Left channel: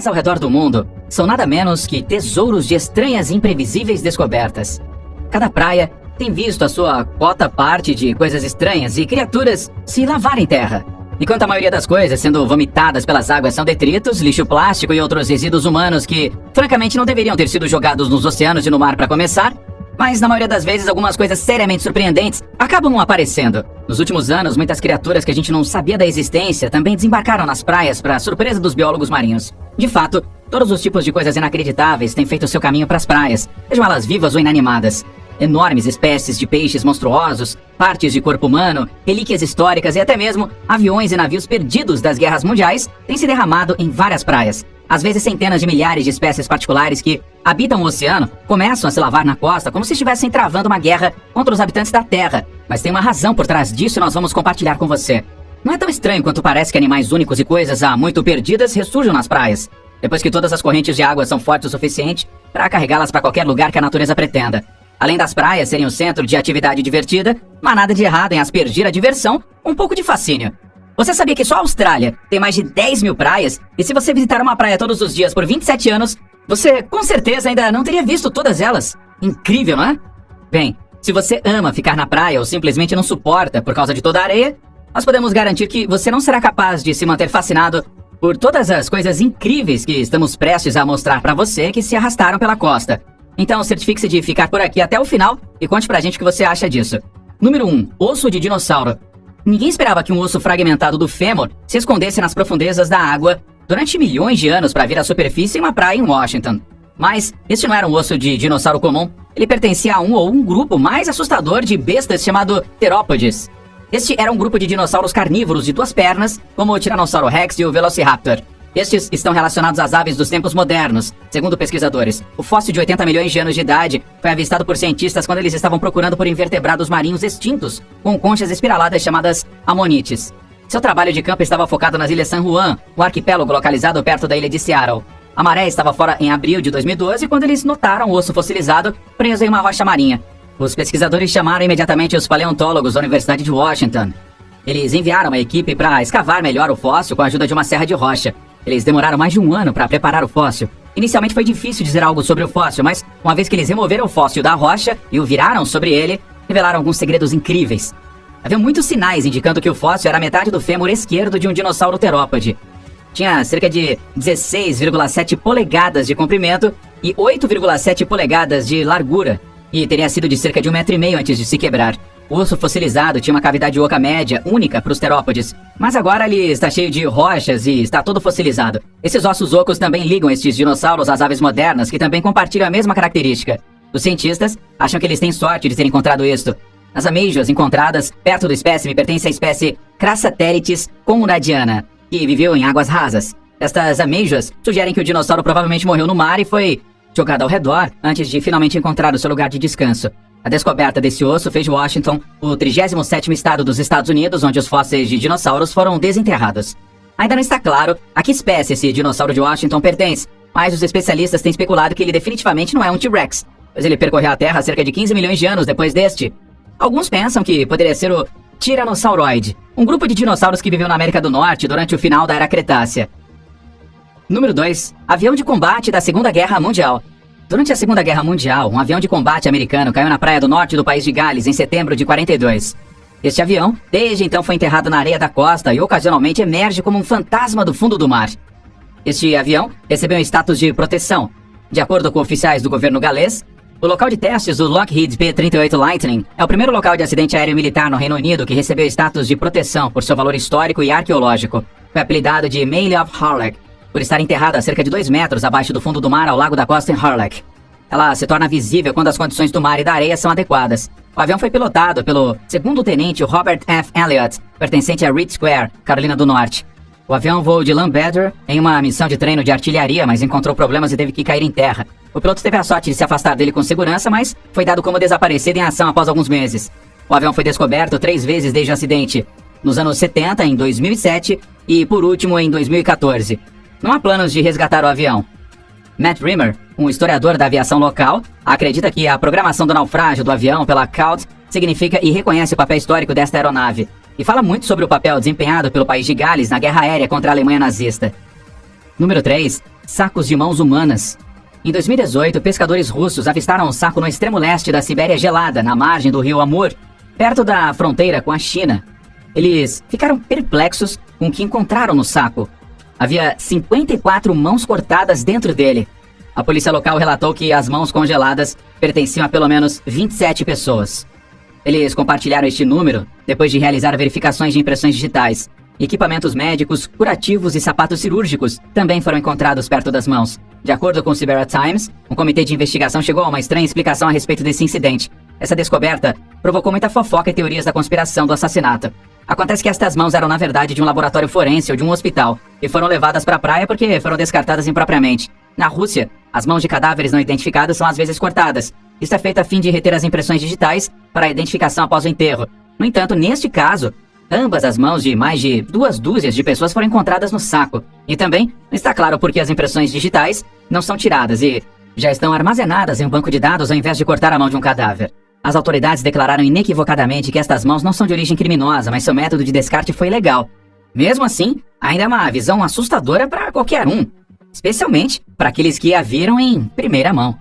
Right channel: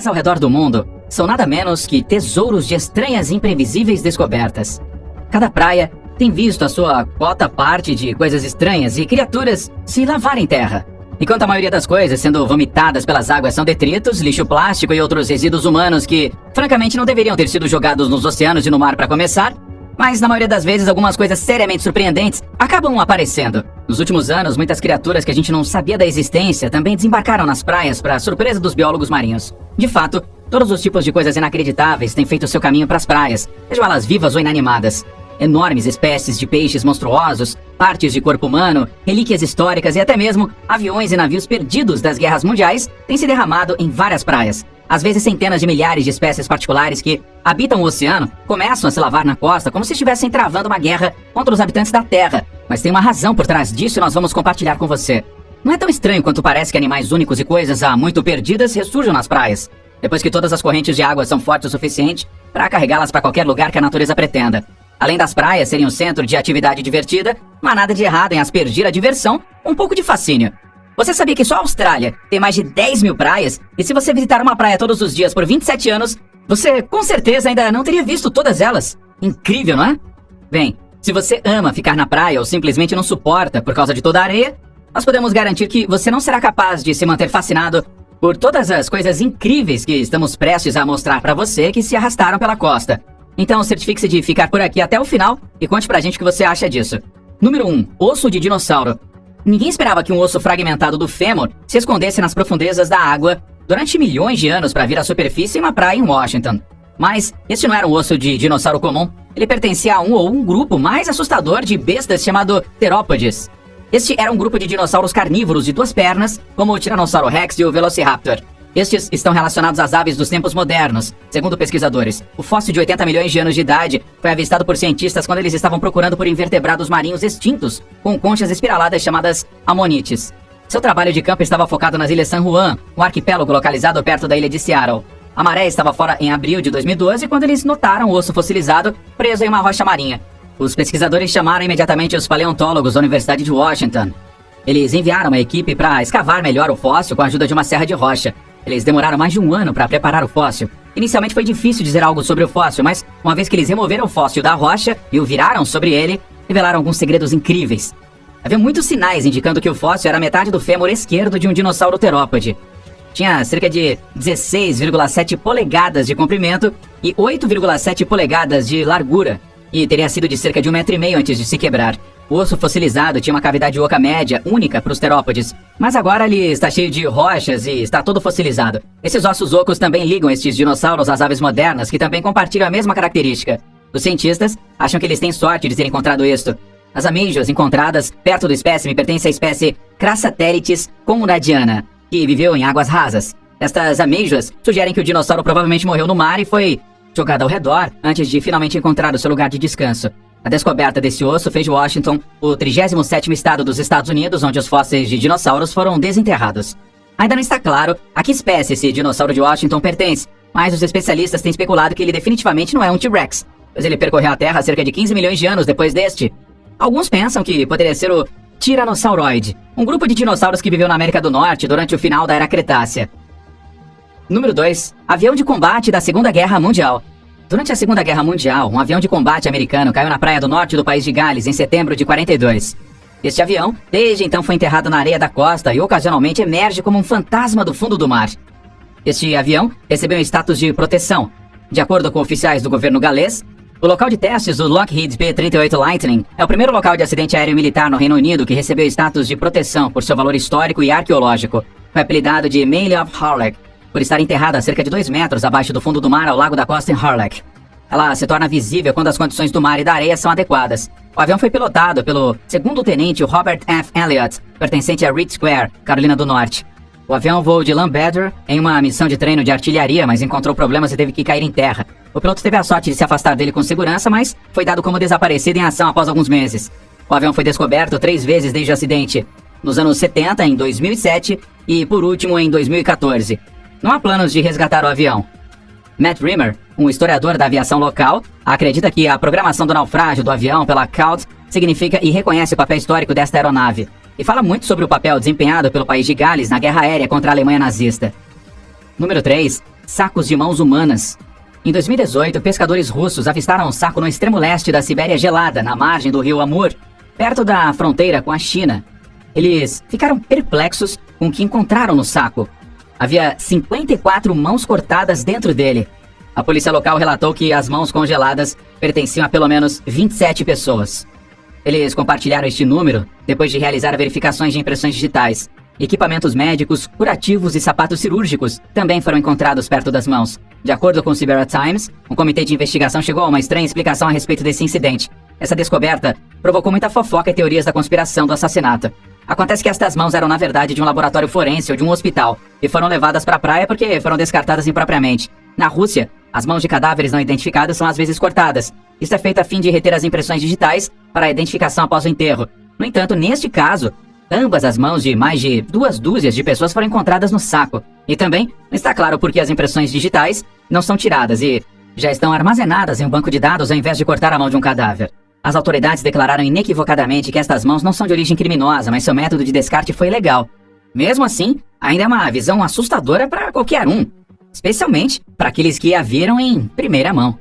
praias ao redor do mundo são nada menos que tesouros de estranhas e imprevisíveis descobertas. Cada praia tem visto a sua cota parte de coisas estranhas e criaturas se lavarem terra. Enquanto a maioria das coisas sendo vomitadas pelas águas são detritos, lixo plástico e outros resíduos humanos que, francamente, não deveriam ter sido jogados nos oceanos e no mar para começar, mas na maioria das vezes algumas coisas seriamente surpreendentes acabam aparecendo. Nos últimos anos, muitas criaturas que a gente não sabia da existência também desembarcaram nas praias para surpresa dos biólogos marinhos. De fato, todos os tipos de coisas inacreditáveis têm feito seu caminho para as praias, sejam elas vivas ou inanimadas. Enormes espécies de peixes monstruosos, partes de corpo humano, relíquias históricas e até mesmo aviões e navios perdidos das guerras mundiais têm se derramado em várias praias. Às vezes centenas de milhares de espécies particulares que habitam o oceano começam a se lavar na costa como se estivessem travando uma guerra contra os habitantes da Terra. Mas tem uma razão por trás disso e nós vamos compartilhar com você. Não é tão estranho quanto parece que animais únicos e coisas há muito perdidas ressurjam nas praias, depois que todas as correntes de água são fortes o suficiente para carregá-las para qualquer lugar que a natureza pretenda. Além das praias serem o centro de atividade divertida, não há nada de errado em aspergir a diversão, um pouco de fascínio. Você sabia que só a Austrália tem mais de 10 mil praias? E se você visitar uma praia todos os dias por 27 anos, você com certeza ainda não teria visto todas elas. Incrível, não é? Bem, se você ama ficar na praia ou simplesmente não suporta por causa de toda a areia, nós podemos garantir que você não será capaz de se manter fascinado por todas as coisas incríveis que estamos prestes a mostrar para você que se arrastaram pela costa. Então certifique-se de ficar por aqui até o final e conte pra gente o que você acha disso. Número 1. Osso de dinossauro. Ninguém esperava que um osso fragmentado do fêmur se escondesse nas profundezas da água durante milhões de anos para vir à superfície em uma praia em Washington. Mas este não era um osso de dinossauro comum, ele pertencia a um grupo mais assustador de bestas chamado terópodes. Este era um grupo de dinossauros carnívoros de 2 pernas, como o Tiranossauro Rex e o Velociraptor. Estes estão relacionados às aves dos tempos modernos. Segundo pesquisadores, o fóssil de 80 milhões de anos de idade foi avistado por cientistas quando eles estavam procurando por invertebrados marinhos extintos, com conchas espiraladas chamadas ammonites. Seu trabalho de campo estava focado nas ilhas San Juan, o arquipélago localizado perto da ilha de Seattle. A maré estava fora em abril de 2012 quando eles notaram o osso fossilizado preso em uma rocha marinha. Os pesquisadores chamaram imediatamente os paleontólogos da Universidade de Washington. Eles enviaram uma equipe para escavar melhor o fóssil com a ajuda de uma serra de rocha. Eles demoraram mais de 1 ano para preparar o fóssil. Inicialmente foi difícil dizer algo sobre o fóssil, mas uma vez que eles removeram o fóssil da rocha e o viraram sobre ele, revelaram alguns segredos incríveis. Havia muitos sinais indicando que o fóssil era metade do fêmur esquerdo de um dinossauro terópode. Tinha cerca de 16,7 polegadas de comprimento e 8,7 polegadas de largura, e teria sido de cerca de 1,5 metro antes de se quebrar. O osso fossilizado tinha uma cavidade oca média única para os terópodes, mas agora ele está cheio de rochas e está todo fossilizado. Esses ossos ocos também ligam estes dinossauros às aves modernas, que também compartilham a mesma característica. Os cientistas acham que eles têm sorte de ter encontrado isto. As amêijoas encontradas perto do espécime pertencem à espécie Crassatérites conradiana, que viveu em águas rasas. Estas amêijoas sugerem que o dinossauro provavelmente morreu no mar e foi jogado ao redor antes de finalmente encontrar o seu lugar de descanso. A descoberta desse osso fez de Washington o 37º estado dos Estados Unidos onde os fósseis de dinossauros foram desenterrados. Ainda não está claro a que espécie esse dinossauro de Washington pertence, mas os especialistas têm especulado que ele definitivamente não é um T-Rex, pois ele percorreu a Terra há cerca de 15 milhões de anos depois deste. Alguns pensam que poderia ser o Tiranosauroid, um grupo de dinossauros que viveu na América do Norte durante o final da Era Cretácea. Número 2. Avião de combate da Segunda Guerra Mundial. Durante a Segunda Guerra Mundial, um avião de combate americano caiu na praia do norte do país de Gales em setembro de 42. Este avião, desde então, foi enterrado na areia da costa e ocasionalmente emerge como um fantasma do fundo do mar. Este avião recebeu status de proteção. De acordo com oficiais do governo galês, o local de testes do Lockheed P-38 Lightning é o primeiro local de acidente aéreo militar no Reino Unido que recebeu status de proteção por seu valor histórico e arqueológico. Foi apelidado de Mail of Harlech, por estar enterrada a cerca de 2 metros abaixo do fundo do mar ao lago da costa em Harlech. Ela se torna visível quando as condições do mar e da areia são adequadas. O avião foi pilotado pelo segundo-tenente Robert F. Elliott, pertencente a Reed Square, Carolina do Norte. O avião voou de Lambetter em uma missão de treino de artilharia, mas encontrou problemas e teve que cair em terra. O piloto teve a sorte de se afastar dele com segurança, mas foi dado como desaparecido em ação após alguns meses. O avião foi descoberto 3 vezes desde o acidente, nos anos 70, em 2007 e, por último, em 2014. Não há planos de resgatar o avião. Matt Rimmer, um historiador da aviação local, acredita que a programação do naufrágio do avião pela CAUT significa e reconhece o papel histórico desta aeronave, e fala muito sobre o papel desempenhado pelo país de Gales na guerra aérea contra a Alemanha nazista. Número 3. sacos de mãos humanas. Em 2018, pescadores russos avistaram um saco no extremo leste da Sibéria gelada, na margem do rio Amur, perto da fronteira com a China. Eles ficaram perplexos com o que encontraram no saco. Havia 54 mãos cortadas dentro dele. A polícia local relatou que as mãos congeladas pertenciam a pelo menos 27 pessoas. Eles compartilharam este número depois de realizar verificações de impressões digitais. Equipamentos médicos, curativos e sapatos cirúrgicos também foram encontrados perto das mãos. De acordo com o Siberian Times, um comitê de investigação chegou a uma estranha explicação a respeito desse incidente. Essa descoberta provocou muita fofoca e teorias da conspiração do assassinato. Acontece que estas mãos eram na verdade de um laboratório forense ou de um hospital e foram levadas para a praia porque foram descartadas impropriamente. Na Rússia, as mãos de cadáveres não identificados são às vezes cortadas. Isso é feito a fim de reter as impressões digitais para a identificação após o enterro. No entanto, neste caso, ambas as mãos de mais de 2 dúzias de pessoas foram encontradas no saco. E também não está claro por que as impressões digitais não são tiradas e já estão armazenadas em um banco de dados ao invés de cortar a mão de um cadáver. As autoridades declararam inequivocadamente que estas mãos não são de origem criminosa, mas seu método de descarte foi ilegal. Mesmo assim, ainda é uma visão assustadora para qualquer um, especialmente para aqueles que a viram em primeira mão.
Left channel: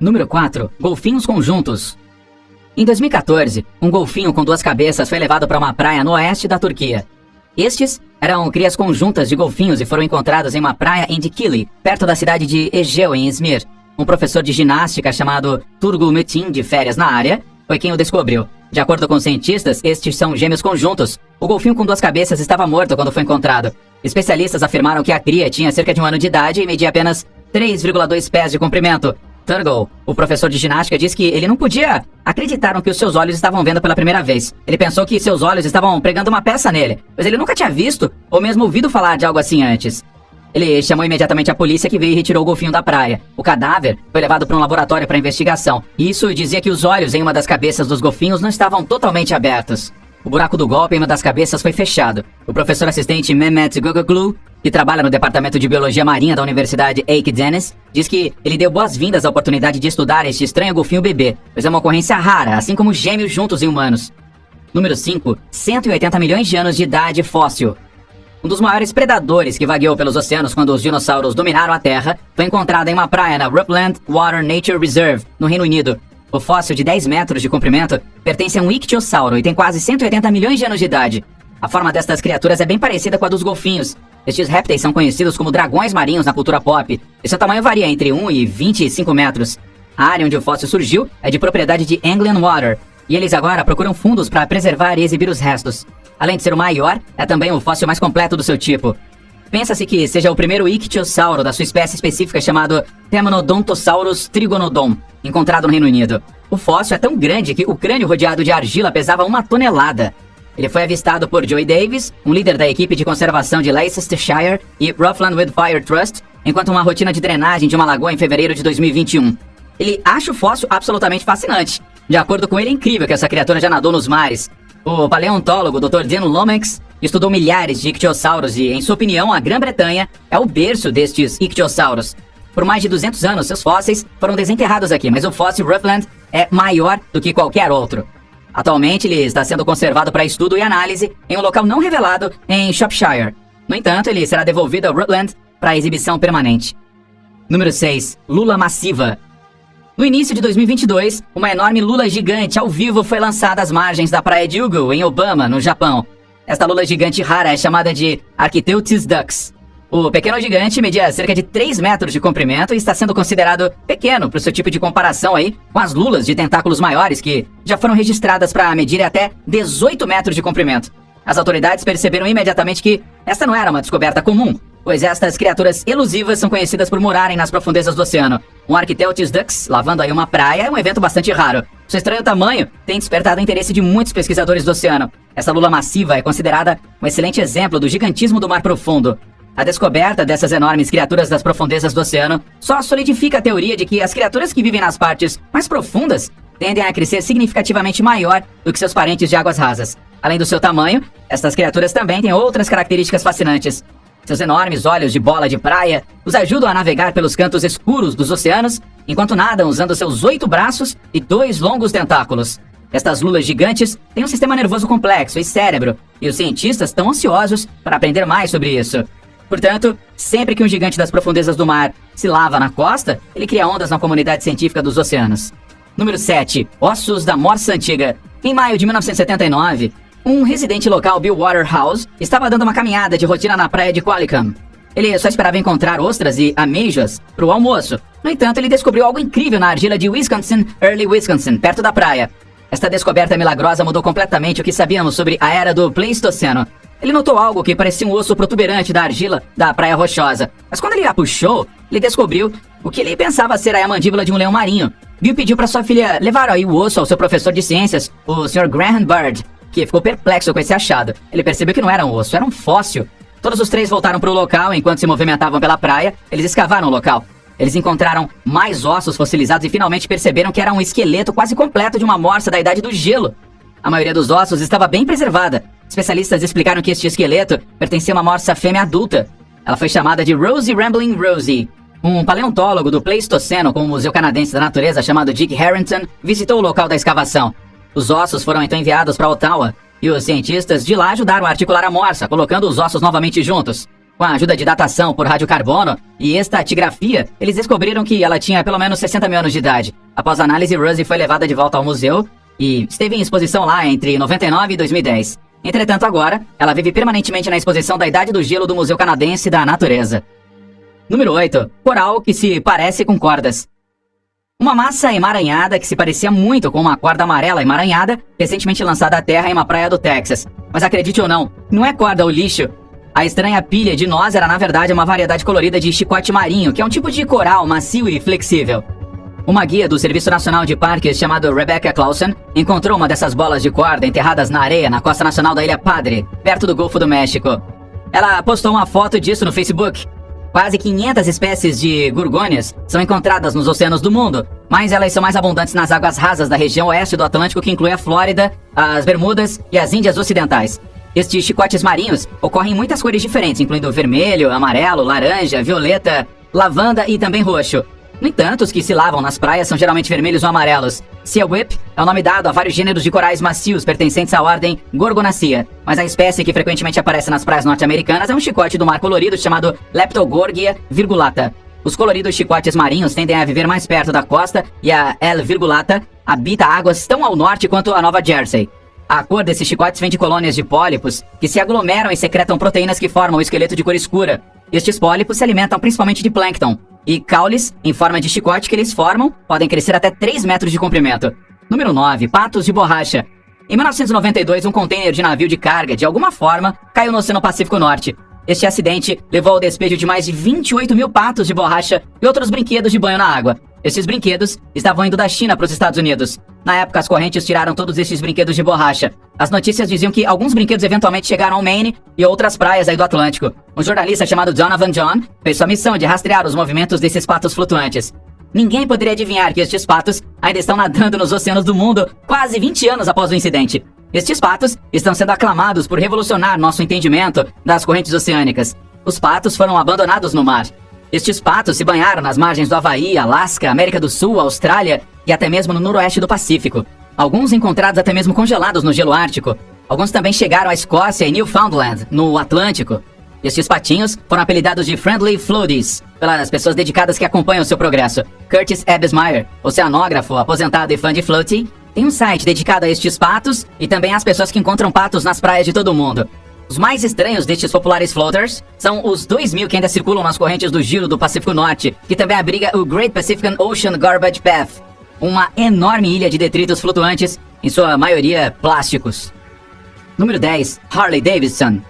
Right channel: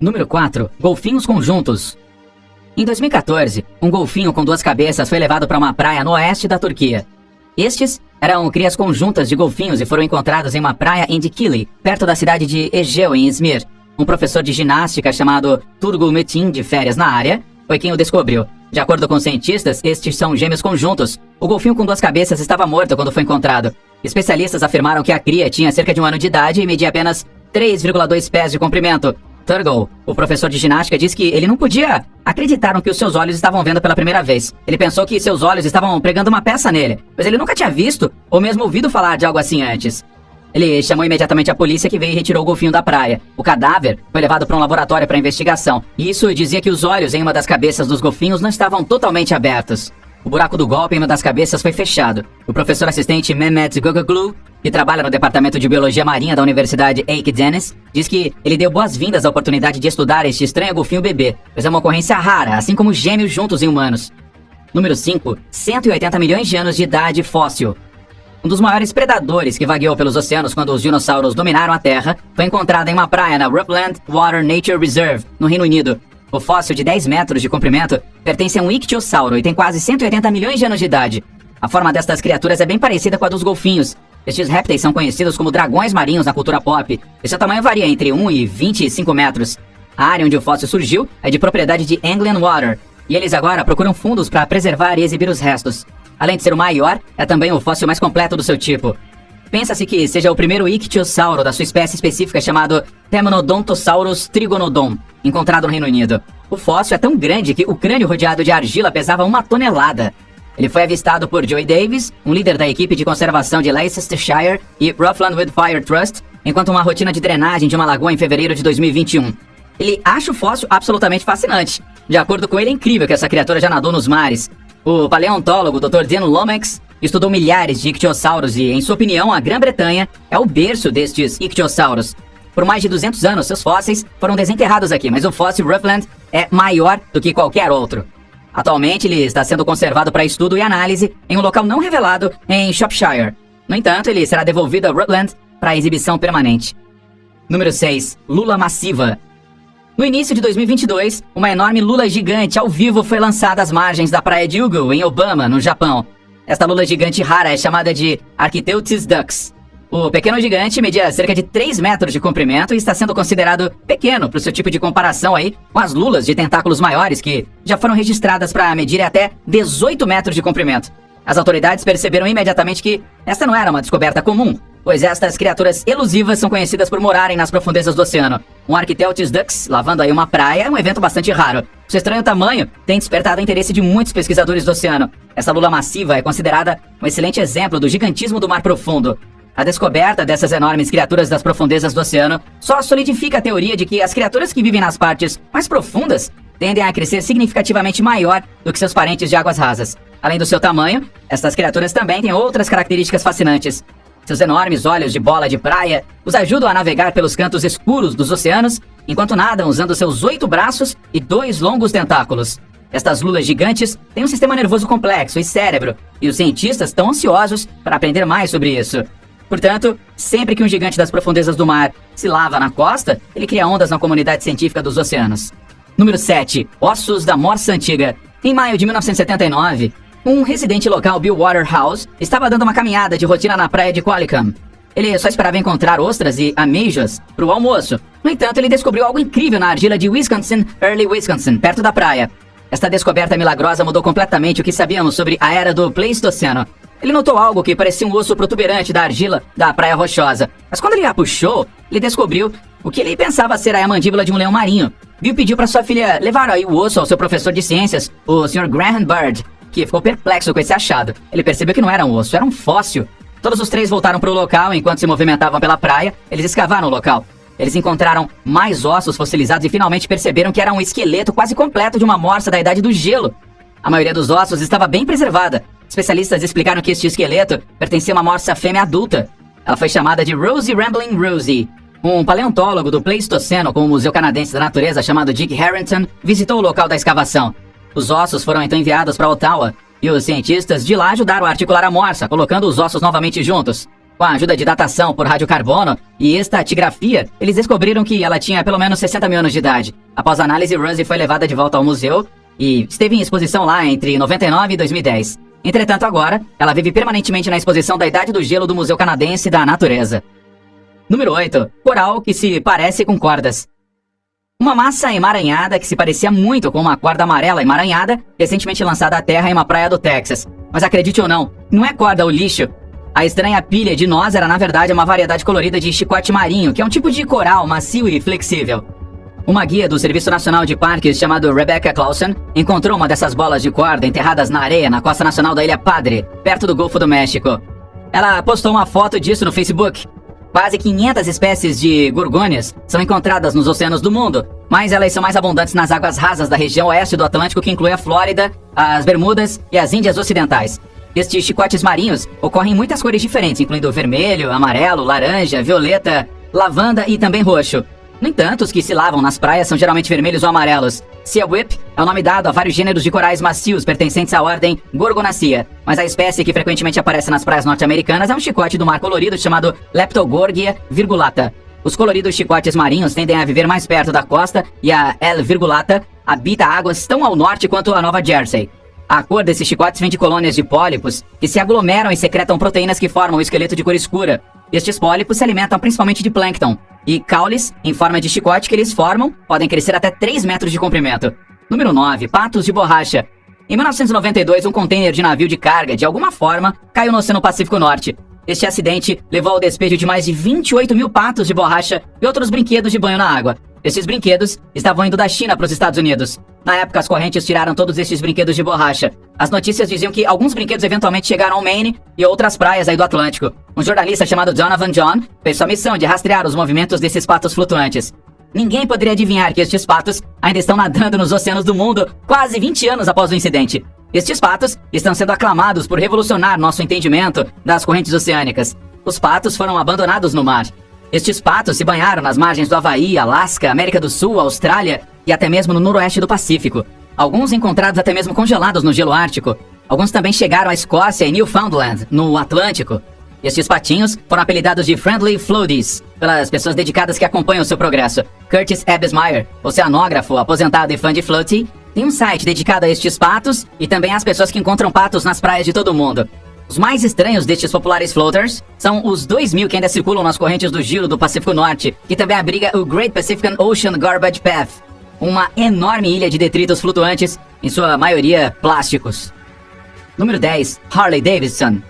Número 4. Golfinhos conjuntos. Em 2014, um golfinho com 2 cabeças foi levado para uma praia no oeste da Turquia. Estes eram crias conjuntas de golfinhos e foram encontrados em uma praia em Dikili, perto da cidade de Egeu, em Izmir. Um professor de ginástica chamado Turgul Metin, de férias na área, foi quem o descobriu. De acordo com cientistas, estes são gêmeos conjuntos. O golfinho com 2 cabeças estava morto quando foi encontrado. Especialistas afirmaram que a cria tinha cerca de 1 ano de idade e media apenas 3,2 pés de comprimento. Turgul, o professor de ginástica, disse que ele não podia acreditar no que os seus olhos estavam vendo pela primeira vez. Ele pensou que seus olhos estavam pregando uma peça nele, pois ele nunca tinha visto ou mesmo ouvido falar de algo assim antes. Ele chamou imediatamente a polícia, que veio e retirou o golfinho da praia. O cadáver foi levado para um laboratório para investigação. E isso dizia que os olhos em uma das cabeças dos golfinhos não estavam totalmente abertos. O buraco do golpe em uma das cabeças foi fechado. O professor assistente Mehmet Gogoglu, que trabalha no Departamento de Biologia Marinha da Universidade Eike Deniz, diz que ele deu boas-vindas à oportunidade de estudar este estranho golfinho bebê, pois é uma ocorrência rara, assim como gêmeos juntos em humanos. Número 5. 180 milhões de anos de idade fóssil. Um dos maiores predadores que vagueou pelos oceanos quando os dinossauros dominaram a Terra foi encontrado em uma praia na Rutland Water Nature Reserve, no Reino Unido. O fóssil de 10 metros de comprimento pertence a um ictiosauro e tem quase 180 milhões de anos de idade. A forma destas criaturas é bem parecida com a dos golfinhos. Estes répteis são conhecidos como dragões marinhos na cultura pop, e seu tamanho varia entre 1 e 25 metros. A área onde o fóssil surgiu é de propriedade de Anglian Water, e eles agora procuram fundos para preservar e exibir os restos. Além de ser o maior, é também o fóssil mais completo do seu tipo. Pensa-se que seja o primeiro ictiosauro da sua espécie específica chamado Temnodontosaurus trigonodon, encontrado no Reino Unido. O fóssil é tão grande que o crânio rodeado de argila pesava 1 tonelada. Ele foi avistado por Joey Davis, um líder da equipe de conservação de Leicestershire e Roughland Wildfire Trust, enquanto uma rotina de drenagem de uma lagoa em fevereiro de 2021. Ele acha o fóssil absolutamente fascinante. De acordo com ele, é incrível que essa criatura já nadou nos mares. O paleontólogo Dr. Dan Lomax estudou milhares de ictiossauros e, em sua opinião, a Grã-Bretanha é o berço destes ictiossauros. Por mais de 200 anos, seus fósseis foram desenterrados aqui, mas o fóssil Rutland é maior do que qualquer outro. Atualmente, ele está sendo conservado para estudo e análise em um local não revelado em Shropshire. No entanto, ele será devolvido a Rutland para exibição permanente. Número 6. Lula massiva. No início de 2022, uma enorme lula gigante ao vivo foi lançada às margens da praia de Ugu, em Obama, no Japão. Esta lula gigante rara é chamada de Architeuthis dux. O pequeno gigante media cerca de 3 metros de comprimento e está sendo considerado pequeno para o seu tipo de comparação aí com as lulas de tentáculos maiores que já foram registradas para medir até 18 metros de comprimento. As autoridades perceberam imediatamente que essa não era uma descoberta comum, pois estas criaturas elusivas são conhecidas por morarem nas profundezas do oceano. Um Architeuthis dux lavando aí uma praia é um evento bastante raro. Seu estranho tamanho tem despertado o interesse de muitos pesquisadores do oceano. Essa lula massiva é considerada um excelente exemplo do gigantismo do mar profundo. A descoberta dessas enormes criaturas das profundezas do oceano só solidifica a teoria de que as criaturas que vivem nas partes mais profundas tendem a crescer significativamente maior do que seus parentes de águas rasas. Além do seu tamanho, estas criaturas também têm outras características fascinantes. Seus enormes olhos de bola de praia os ajudam a navegar pelos cantos escuros dos oceanos, enquanto nadam usando seus 8 braços e 2 longos tentáculos. Estas lulas gigantes têm um sistema nervoso complexo e cérebro, e os cientistas estão ansiosos para aprender mais sobre isso. Portanto, sempre que um gigante das profundezas do mar se lava na costa, ele cria ondas na comunidade científica dos oceanos. Número 7. Ossos da Morsa Antiga. Em maio de 1979, um residente local, Bill Waterhouse, estava dando uma caminhada de rotina na praia de Qualicum. Ele só esperava encontrar ostras e ameijas para o almoço. No entanto, ele descobriu algo incrível na argila de Wisconsin, Early Wisconsin, perto da praia. Esta descoberta milagrosa mudou completamente o que sabíamos sobre a era do Pleistoceno. Ele notou algo que parecia um osso protuberante da argila da praia rochosa. Mas quando ele a puxou, ele descobriu o que ele pensava ser a mandíbula de um leão marinho. Bill pediu para sua filha levar aí o osso ao seu professor de ciências, o Sr. Graham Bird, que ficou perplexo com esse achado. Ele percebeu que não era um osso, era um fóssil. Todos os três voltaram para o local enquanto se movimentavam pela praia. Eles escavaram o local. Eles encontraram mais ossos fossilizados e finalmente perceberam que era um esqueleto quase completo de uma morsa da Idade do Gelo. A maioria dos ossos estava bem preservada. Especialistas explicaram que este esqueleto pertencia a uma morsa fêmea adulta. Ela foi chamada de Rosie Rambling Rosie. Um paleontólogo do Pleistoceno com o Museu Canadense da Natureza chamado Dick Harrington visitou o local da escavação. Os ossos foram então enviados para Ottawa e os cientistas de lá ajudaram a articular a morsa, colocando os ossos novamente juntos. Com a ajuda de datação por radiocarbono e estatigrafia, eles descobriram que ela tinha pelo menos 60 mil anos de idade. Após a análise, Rosie foi levada de volta ao museu e esteve em exposição lá entre 99 e 2010. Entretanto, agora, ela vive permanentemente na exposição da Idade do Gelo do Museu Canadense da Natureza. Número 8. Coral que se parece com cordas. Uma massa emaranhada que se parecia muito com uma corda amarela emaranhada, recentemente lançada à terra em uma praia do Texas. Mas acredite ou não, não é corda ou lixo. A estranha pilha de nós era na verdade uma variedade colorida de chicote marinho, que é um tipo de coral macio e flexível. Uma guia do Serviço Nacional de Parques chamado Rebecca Clausen encontrou uma dessas bolas de corda enterradas na areia na costa nacional da Ilha Padre, perto do Golfo do México. Ela postou uma foto disso no Facebook. Quase 500 espécies de gorgônias são encontradas nos oceanos do mundo, mas elas são mais abundantes nas águas rasas da região oeste do Atlântico, que inclui a Flórida, as Bermudas e as Índias Ocidentais. Estes chicotes marinhos ocorrem em muitas cores diferentes, incluindo vermelho, amarelo, laranja, violeta, lavanda e também roxo. No entanto, os que se lavam nas praias são geralmente vermelhos ou amarelos. Sea Whip é o nome dado a vários gêneros de corais macios pertencentes à ordem Gorgonacea, mas a espécie que frequentemente aparece nas praias norte-americanas é um chicote do mar colorido chamado Leptogorgia virgulata. Os coloridos chicotes marinhos tendem a viver mais perto da costa e a L. virgulata habita águas tão ao norte quanto a Nova Jersey. A cor desses chicotes vem de colônias de pólipos que se aglomeram e secretam proteínas que formam o esqueleto de cor escura. Estes pólipos se alimentam principalmente de plâncton, e caules, em forma de chicote que eles formam, podem crescer até 3 metros de comprimento. Número 9. Patos de borracha. Em 1992, um container de navio de carga, de alguma forma, caiu no Oceano Pacífico Norte. Este acidente levou ao despejo de mais de 28 mil patos de borracha e outros brinquedos de banho na água. Esses brinquedos estavam indo da China para os Estados Unidos. Na época, as correntes tiraram todos esses brinquedos de borracha. As notícias diziam que alguns brinquedos eventualmente chegaram ao Maine e outras praias aí do Atlântico. Um jornalista chamado Donovan John fez sua missão de rastrear os movimentos desses patos flutuantes. Ninguém poderia adivinhar que estes patos ainda estão nadando nos oceanos do mundo quase 20 anos após o incidente. Estes patos estão sendo aclamados por revolucionar nosso entendimento das correntes oceânicas. Os patos foram abandonados no mar. Estes patos se banharam nas margens do Havaí, Alasca, América do Sul, Austrália e até mesmo no noroeste do Pacífico. Alguns encontrados até mesmo congelados no gelo ártico. Alguns também chegaram à Escócia e Newfoundland, no Atlântico. Estes patinhos foram apelidados de Friendly Floaties pelas pessoas dedicadas que acompanham seu progresso. Curtis Ebbsmeyer, oceanógrafo, aposentado e fã de floating, tem um site dedicado a estes patos e também às pessoas que encontram patos nas praias de todo o mundo. Os mais estranhos destes populares floaters são os 2.000 que ainda circulam nas correntes do gelo do Pacífico Norte, que também abriga o Great Pacific Ocean Garbage Path, uma enorme ilha de detritos flutuantes, em sua maioria plásticos. Número 10. Harley Davidson.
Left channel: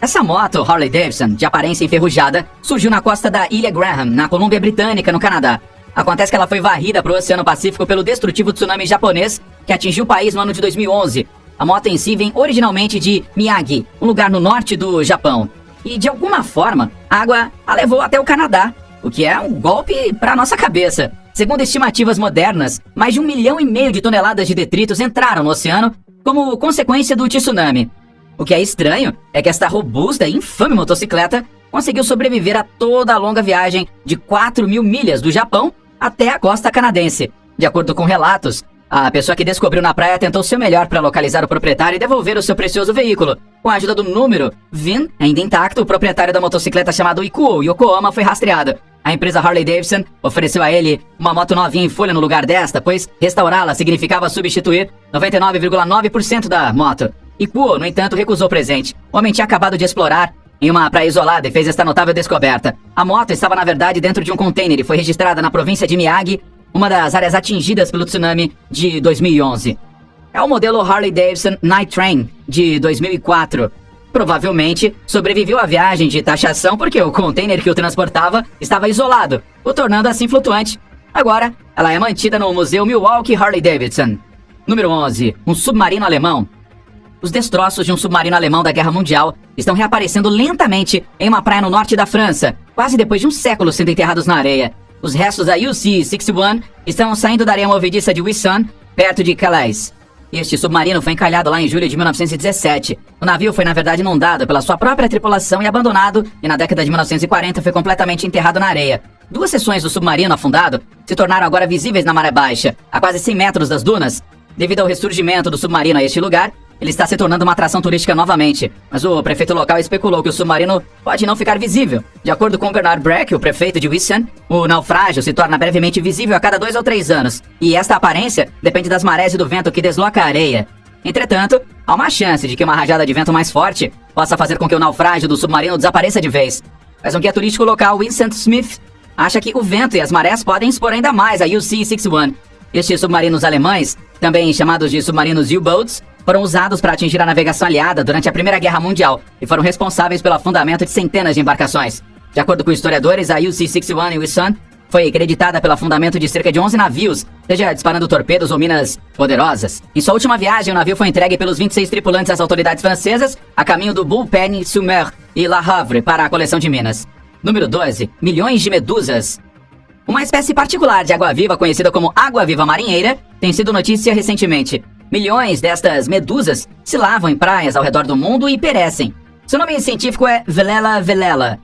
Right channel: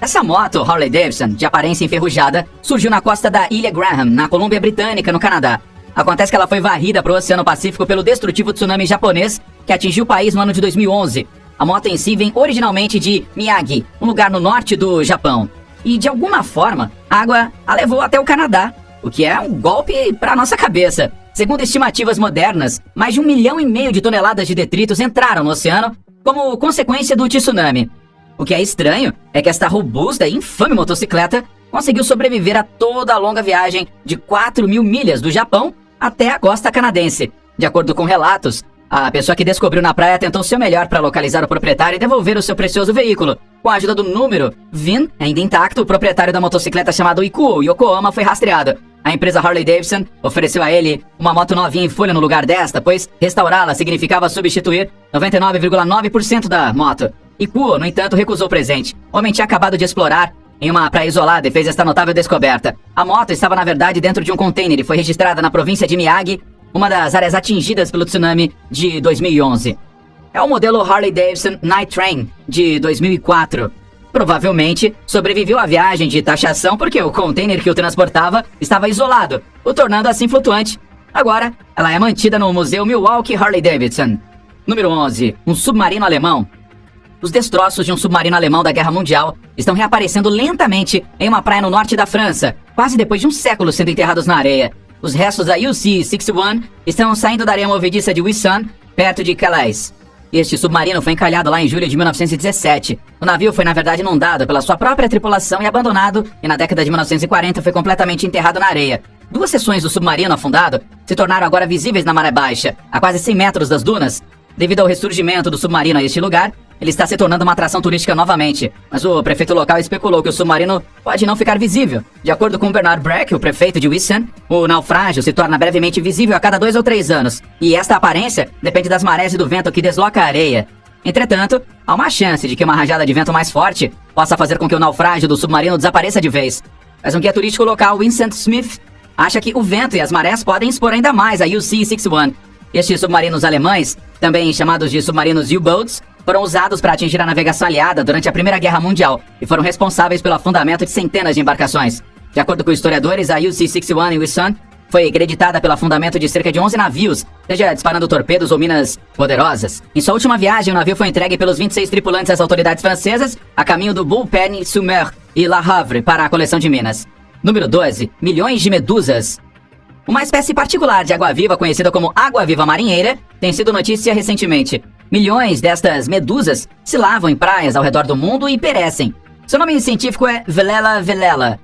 Essa moto Harley Davidson, de aparência enferrujada, surgiu na costa da Ilha Graham, na Colômbia Britânica, no Canadá. Acontece que ela foi varrida para o Oceano Pacífico pelo destrutivo tsunami japonês que atingiu o país no ano de 2011. A moto em si vem originalmente de Miyagi, um lugar no norte do Japão. E de alguma forma, a água a levou até o Canadá, o que é um golpe para nossa cabeça. Segundo estimativas modernas, mais de 1,5 milhão de toneladas de detritos entraram no oceano como consequência do tsunami. O que é estranho é que esta robusta e infame motocicleta conseguiu sobreviver a toda a longa viagem de 4.000 milhas do Japão até a costa canadense. De acordo com relatos, a pessoa que descobriu na praia tentou seu melhor para localizar o proprietário e devolver o seu precioso veículo. Com a ajuda do número VIN, ainda intacto, o proprietário da motocicleta chamado Ikuo Yokohama foi rastreado. A empresa Harley-Davidson ofereceu a ele uma moto novinha em folha no lugar desta, pois restaurá-la significava substituir 99,9% da moto. Ikuo, no entanto, recusou o presente. O homem tinha acabado de explorar em uma praia isolada e fez esta notável descoberta. A moto estava, na verdade, dentro de um container e foi registrada na província de Miyagi, uma das áreas atingidas pelo tsunami de 2011. É o modelo Harley-Davidson Night Train de 2004. Provavelmente sobreviveu à viagem de taxação porque o container que o transportava estava isolado, o tornando assim flutuante. Agora, ela é mantida no Museu Milwaukee Harley-Davidson. Número 11. Um submarino alemão. Os destroços de um submarino alemão da Guerra Mundial estão reaparecendo lentamente em uma praia no norte da França, quase depois de um século sendo enterrados na areia. Os restos da UC-61 estão saindo da areia movediça de Wissant, perto de Calais. Este submarino foi encalhado lá em julho de 1917. O navio foi, na verdade, inundado pela sua própria tripulação e abandonado, e na década de 1940 foi completamente enterrado na areia. 2 seções do submarino afundado se tornaram agora visíveis na maré baixa, a quase 100 metros das dunas. Devido ao ressurgimento do submarino a este lugar, ele está se tornando uma atração turística novamente, mas o prefeito local especulou que o submarino pode não ficar visível. De acordo com Bernard Breck, o prefeito de Wissant, o naufrágio se torna brevemente visível a cada 2 ou 3 anos, e esta aparência depende das marés e do vento que desloca a areia. Entretanto, há uma chance de que uma rajada de vento mais forte possa fazer com que o naufrágio do submarino desapareça de vez. Mas um guia turístico local, Vincent Smith, acha que o vento e as marés podem expor ainda mais a UC-61. Estes submarinos alemães, também chamados de submarinos U-boats, foram usados para atingir a navegação aliada durante a Primeira Guerra Mundial e foram responsáveis pelo afundamento de centenas de embarcações. De acordo com historiadores, a UC-61 em Wissant foi acreditada pelo afundamento de cerca de 11 navios, seja disparando torpedos ou minas poderosas. Em sua última viagem, o navio foi entregue pelos 26 tripulantes às autoridades francesas a caminho do Bulpen-sur-Mer e La Havre para a coleção de minas. Número 12. Milhões de medusas. Uma espécie particular de água-viva, conhecida como água-viva marinheira, tem sido notícia recentemente. Milhões destas medusas se lavam em praias ao redor do mundo e perecem. Seu nome científico é Velela velela.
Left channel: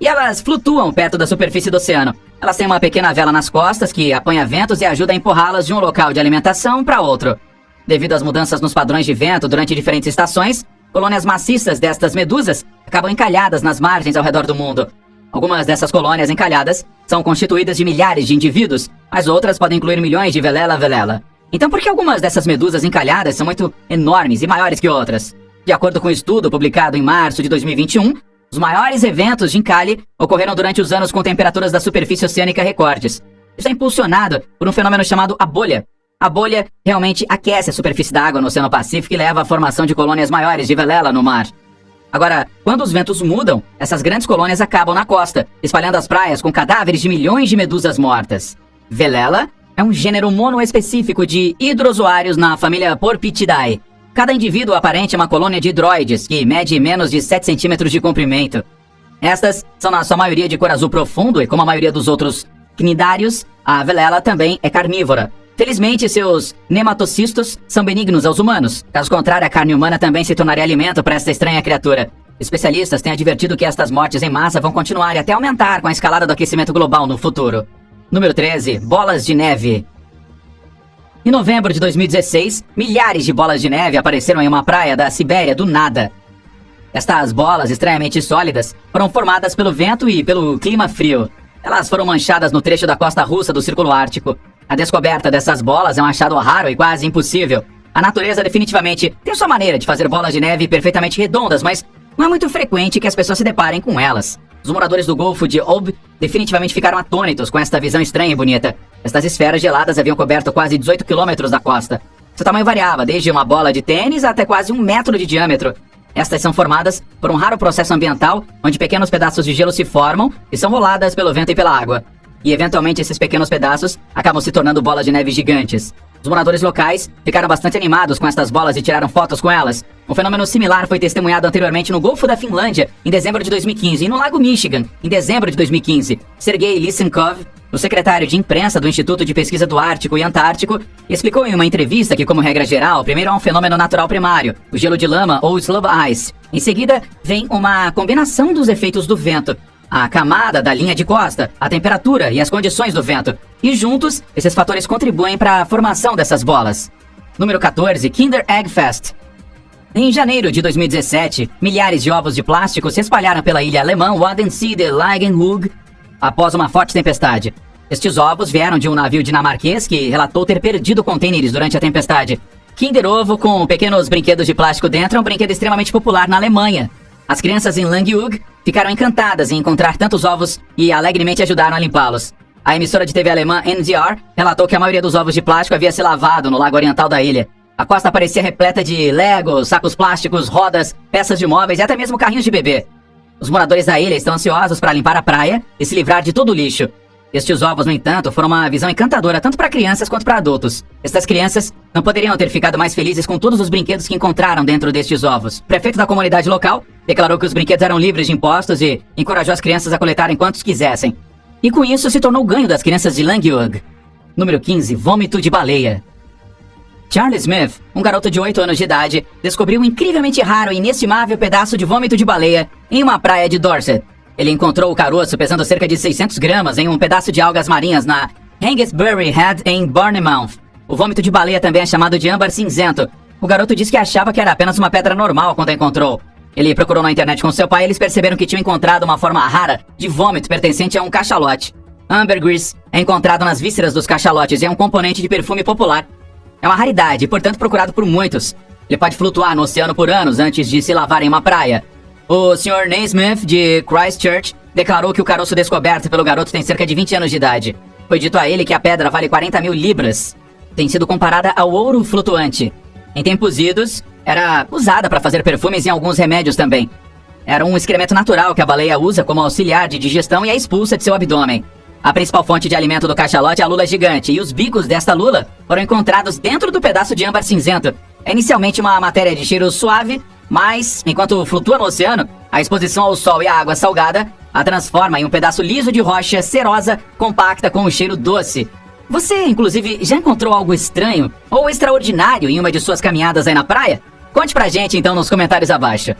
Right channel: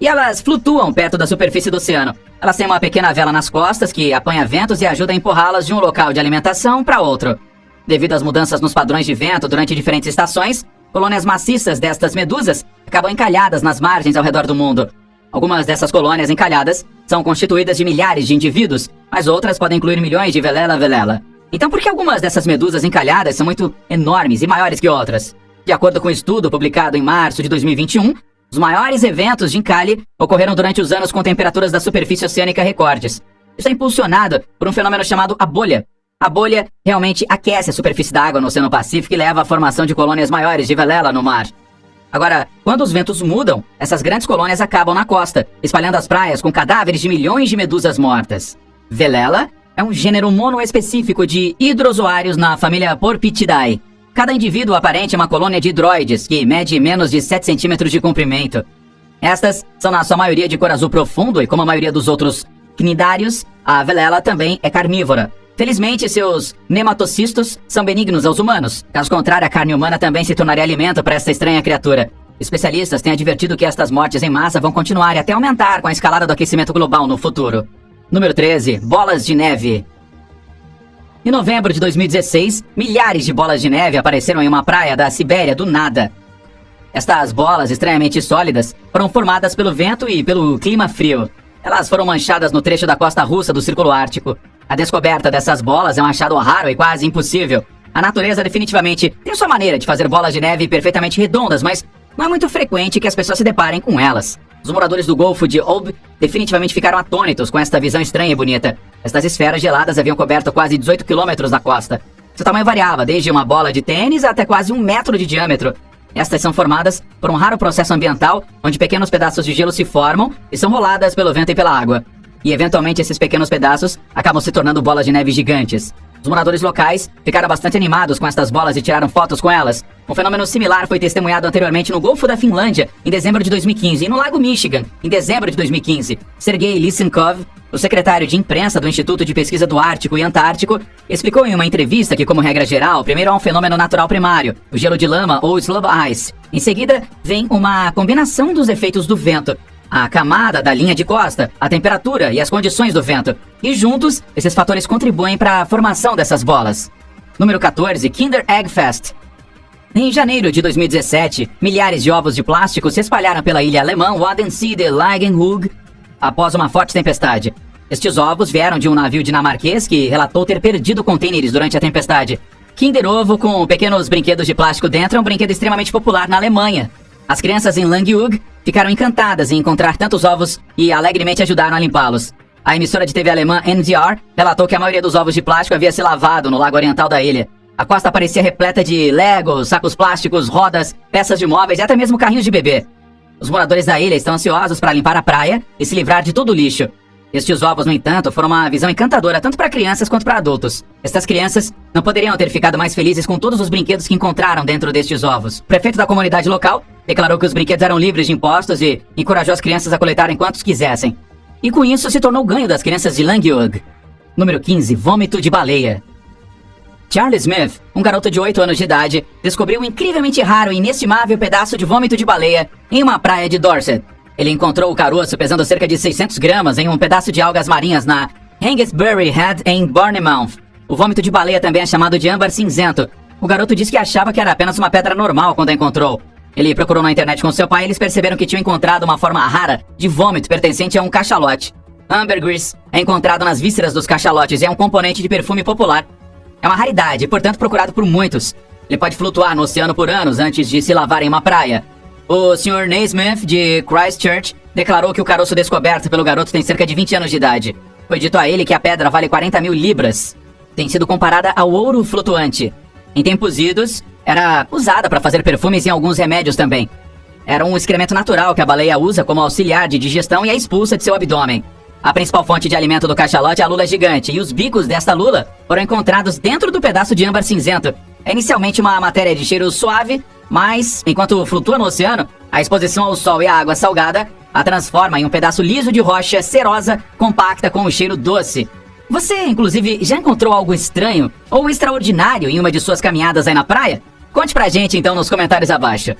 E elas flutuam perto da superfície do oceano. Elas têm uma pequena vela nas costas que apanha ventos e ajuda a empurrá-las de um local de alimentação para outro. Devido às mudanças nos padrões de vento durante diferentes estações, colônias maciças destas medusas acabam encalhadas nas margens ao redor do mundo. Algumas dessas colônias encalhadas são constituídas de milhares de indivíduos, mas outras podem incluir milhões de Velela velela. Então por que algumas dessas medusas encalhadas são muito enormes e maiores que outras? De acordo com um estudo publicado em março de 2021, os maiores eventos de encalhe ocorreram durante os anos com temperaturas da superfície oceânica recordes. Isso é impulsionado por um fenômeno chamado a bolha. A bolha realmente aquece a superfície da água no Oceano Pacífico e leva à formação de colônias maiores de velela no mar. Agora, quando os ventos mudam, essas grandes colônias acabam na costa, espalhando as praias com cadáveres de milhões de medusas mortas. Velela é um gênero monoespecífico de hidrozoários na família Porpitidae. Cada indivíduo aparente é uma colônia de hidroides, que mede menos de 7 centímetros de comprimento. Estas são na sua maioria de cor azul profundo e como a maioria dos outros cnidários, a velela também é carnívora. Felizmente, seus nematocistos são benignos aos humanos. Caso contrário, a carne humana também se tornaria alimento para esta estranha criatura. Especialistas têm advertido que estas mortes em massa vão continuar e até aumentar com a escalada do aquecimento global no futuro. Número 13. Bolas de neve. Em novembro de 2016, milhares de bolas de neve apareceram em uma praia da Sibéria do nada. Estas bolas estranhamente sólidas foram formadas pelo vento e pelo clima frio. Elas foram manchadas no trecho da costa russa do Círculo Ártico. A descoberta dessas bolas é um achado raro e quase impossível. A natureza definitivamente tem sua maneira de fazer bolas de neve perfeitamente redondas, mas não é muito frequente que as pessoas se deparem com elas. Os moradores do Golfo de Ob definitivamente ficaram atônitos com esta visão estranha e bonita. Estas esferas geladas haviam coberto quase 18 quilômetros da costa. Seu tamanho variava, desde uma bola de tênis até quase 1 metro de diâmetro. Estas são formadas por um raro processo ambiental, onde pequenos pedaços de gelo se formam e são roladas pelo vento e pela água. E eventualmente esses pequenos pedaços acabam se tornando bolas de neve gigantes. Os moradores locais ficaram bastante animados com estas bolas e tiraram fotos com elas. Um fenômeno similar foi testemunhado anteriormente no Golfo da Finlândia, em dezembro de 2015, e no Lago Michigan, em dezembro de 2015. Sergei Lysenkov, o secretário de imprensa do Instituto de Pesquisa do Ártico e Antártico, explicou em uma entrevista que, como regra geral, primeiro há um fenômeno natural primário, o gelo de lama ou slub ice. Em seguida, vem uma combinação dos efeitos do vento, a camada da linha de costa, a temperatura e as condições do vento. E juntos, esses fatores contribuem para a formação dessas bolas. Número 14. Kinder Egg Fest. Em janeiro de 2017, milhares de ovos de plástico se espalharam pela ilha alemã Wadensee de Langenhug após uma forte tempestade. Estes ovos vieram de um navio dinamarquês que relatou ter perdido contêineres durante a tempestade. Kinder Ovo com pequenos brinquedos de plástico dentro é um brinquedo extremamente popular na Alemanha. As crianças em Langenhug ficaram encantadas em encontrar tantos ovos e alegremente ajudaram a limpá-los. A emissora de TV alemã NDR relatou que a maioria dos ovos de plástico havia se lavado no lago oriental da ilha. A costa parecia repleta de legos, sacos plásticos, rodas, peças de móveis e até mesmo carrinhos de bebê. Os moradores da ilha estão ansiosos para limpar a praia e se livrar de todo o lixo. Estes ovos, no entanto, foram uma visão encantadora tanto para crianças quanto para adultos. Estas crianças não poderiam ter ficado mais felizes com todos os brinquedos que encontraram dentro destes ovos. O prefeito da comunidade local declarou que os brinquedos eram livres de impostos e encorajou as crianças a coletarem quantos quisessem. E com isso se tornou o ganho das crianças de Langenhug. Número 15. Vômito de baleia. Charlie Smith, um garoto de 8 anos de idade, descobriu um incrivelmente raro e inestimável pedaço de vômito de baleia em uma praia de Dorset. Ele encontrou o caroço pesando cerca de 600 gramas em um pedaço de algas marinhas na Hengistbury Head em Bournemouth. O vômito de baleia também é chamado de âmbar cinzento. O garoto disse que achava que era apenas uma pedra normal quando a encontrou. Ele procurou na internet com seu pai e eles perceberam que tinham encontrado uma forma rara de vômito pertencente a um cachalote. Ambergris é encontrado nas vísceras dos cachalotes e é um componente de perfume popular. É uma raridade e, portanto, procurado por muitos. Ele pode flutuar no oceano por anos antes de se lavar em uma praia. O Sr. Naismith, de Christchurch, declarou que o caroço descoberto pelo garoto tem cerca de 20 anos de idade. Foi dito a ele que a pedra vale 40 mil libras. Tem sido comparada ao ouro flutuante. Em tempos idos, era usada para fazer perfumes e alguns remédios também. Era um excremento natural que a baleia usa como auxiliar de digestão e a expulsa de seu abdômen. A principal fonte de alimento do cachalote é a lula gigante, e os bicos desta lula foram encontrados dentro do pedaço de âmbar cinzento. É inicialmente uma matéria de cheiro suave, mas, enquanto flutua no oceano, a exposição ao sol e à água salgada a transforma em um pedaço liso de rocha cerosa, compacta com um cheiro doce. Você, inclusive, já encontrou algo estranho ou extraordinário em uma de suas caminhadas aí na praia? Conte pra gente então nos comentários abaixo.